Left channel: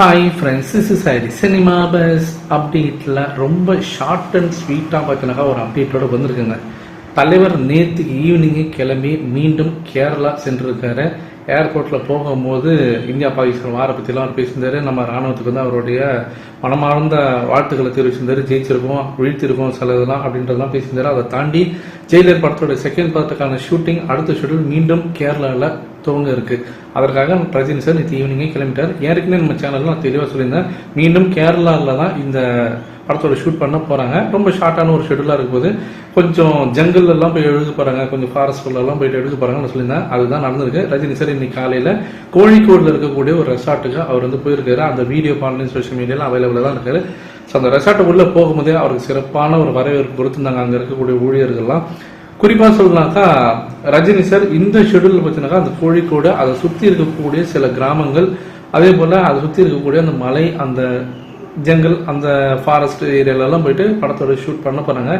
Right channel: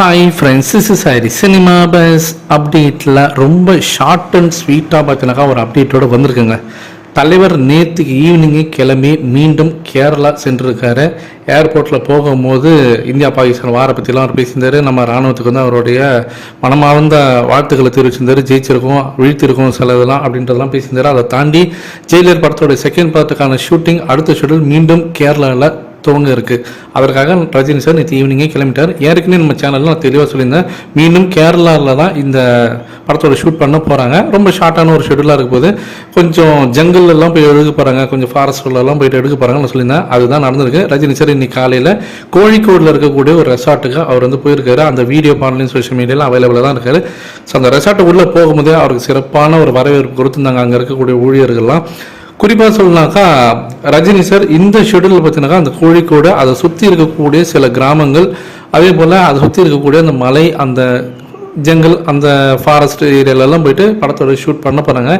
Hi friends, this is Hari. Cinema bus அப்டேட்டில் ரொம்ப short and ஸ்வீட்டாக பார்த்தினாக்கா ஒரு அப்டேட்டோடு வந்திருக்குங்க. தலைவர் நேற்றுக்கு ஈவினிங்கே கிளம்பி மீண்டும் கேரளா சென்றிருக்காரு. ஏர்போர்ட்டில் போகும்போது இந்தியா பாகிஸ்தான் வார பற்றிலாம் அவர் பேசியிருந்தார். நம்ம இராணுவத்துக்கு வந்து அவருடைய மனமார்ந்த வாழ்த்துக்களை தெரிவிச்சிருந்தார். ஜெயிச்சிருக்கோம், வீழ்த்திருக்கோம் சில இதெல்லாம் அப்படின்றதெல்லாம் பேசியிருந்தார். அதை தாண்டி ஜெயிலர் படத்தோட செகண்ட் பார்ட்டுக்கான ஷூட்டிங் அடுத்த ஷெடியூல் மீண்டும் கேரளாவில் துவங்க இருக்குது. அதற்காக ரஜினி சார் நேற்று ஈவினிங்கே கிளம்பிட்டார். ஏற்கனவே நம்ம சேனலில் நான் தெளிவாக சொல்லியிருந்தேன், மீண்டும் கேரளாவில் தான் இந்த படத்தோட ஷூட் பண்ண போகிறாங்க. ரொம்ப ஷார்ட்டான ஒரு ஷெடியூலாக இருக்க போது கொஞ்சம் ஜங்கல்லாம் போய் எடுக்க போகிறாங்க, கொஞ்சம் ஃபாரஸ்ட்லாம் போயிட்டு எடுக்க போகிறாங்கன்னு சொல்லியிருந்தேன். அதுதான் நடந்திருக்கு. ரஜினி சார் இன்னைக்கு காலையில் கோழிக்கோடில் இருக்கக்கூடிய ஒரு ரெசார்ட்டுக்கு அவர் வந்து போயிருக்காரு. அந்த வீடியோ ஆன்லைன் சோஷியல் மீடியாவில் அவைலபிளாக தான் இருக்காரு. ஸோ அந்த ரெசார்ட்டுக்குள்ளே போகும்போதே அவருக்கு சிறப்பான ஒரு வரவேற்பு கொடுத்துருந்தாங்க அங்கே இருக்கக்கூடிய ஊழியர்கள்லாம். குறிப்பாக சொல்லலாக்கா, ரஜினி சார் இந்த ஷெடியூல் பார்த்தீங்கன்னாக்கா அந்த கோழிக்கோடு அதை சுற்றி இருக்கக்கூடிய சில கிராமங்கள், அதே போல் அதை சுற்றி இருக்கக்கூடிய அந்த மலை, அந்த ஜங்கல், அந்த ஃபாரஸ்ட் ஏரியாலெல்லாம் போயிட்டு படத்தோட ஷூட் பண்ண போகிறாங்க.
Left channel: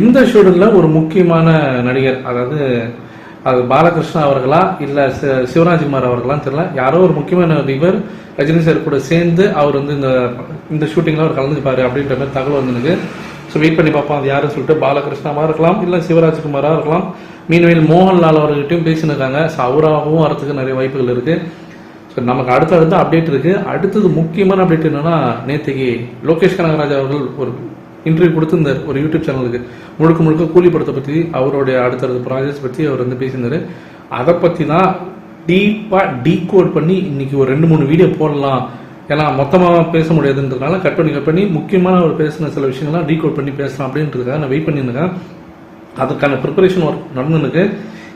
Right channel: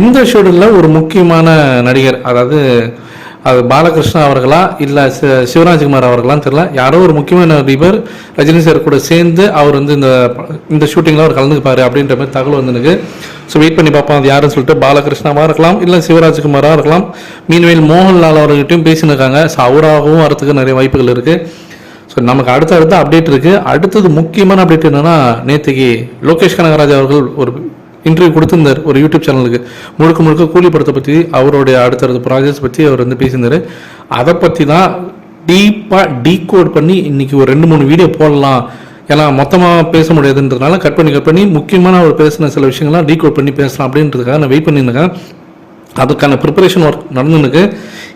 இந்த ஷெடியூலில் ஒரு முக்கியமான நடிகர், அதாவது அது பாலகிருஷ்ணா அவர்களா இல்லை சிவராஜ்குமார் அவர்களான்னு தெரியல, யாரோ ஒரு முக்கியமான நடிகர் ரஜினி சார் கூட சேர்ந்து அவர் வந்து இந்த ஷூட்டிங்கில் அவர் கலந்துப்பார் அப்படின்ற மாதிரி தகவல் வந்துருக்கு. ஸோ வெயிட் பண்ணி பார்ப்போம் அது யாருன்னு சொல்லிட்டு. பாலகிருஷ்ணாவாக இருக்கலாம், இல்லை சிவராஜ்குமாராக இருக்கலாம். மீன்வேல் மோகன்லால் அவர்கிட்டையும் பேசினிருக்காங்க. ஸோ அவராகவும் வரத்துக்கு நிறைய வாய்ப்புகள் இருக்குது. ஸோ நமக்கு அடுத்த அப்டேட் இருக்குது. அடுத்தது முக்கியமான அப்டேட் என்னென்னா, நேற்றுக்கு லோகேஷ் கனகராஜ் அவர்கள் ஒரு இன்டர்வியூ கொடுத்துருந்தார் ஒரு யூடியூப் சேனலுக்கு. முழுக்க கூலி படத்தை பற்றி, அவருடைய அடுத்தடுத்த ப்ராஜெக்ட்ஸ் பற்றி அவர் வந்து பேசியிருந்தார். அதை பற்றி தான் டீப்பாக டீகோட் பண்ணி இன்றைக்கி ஒரு 2-3 வீடியோ போடலாம். ஏன்னா மொத்தமாக பேச முடியாதுன்றதுனால கட் பண்ணி முக்கியமான ஒரு பேசின சில விஷயங்கள்லாம் டீகோட் பண்ணி பேசலாம் அப்படின்றதுக்காக நான் வெயிட் பண்ணியிருக்கேன். அதுக்கான ப்ரிப்பரேஷன் ஒர்க் நடந்துருக்கு.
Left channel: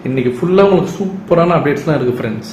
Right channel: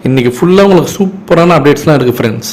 இன்றைக்கி ஃபுல்லாக உங்களுக்கு சூப்பரான அப்டேட்ஸ்லாம் இருக்குது ஃப்ரெண்ட்ஸ்.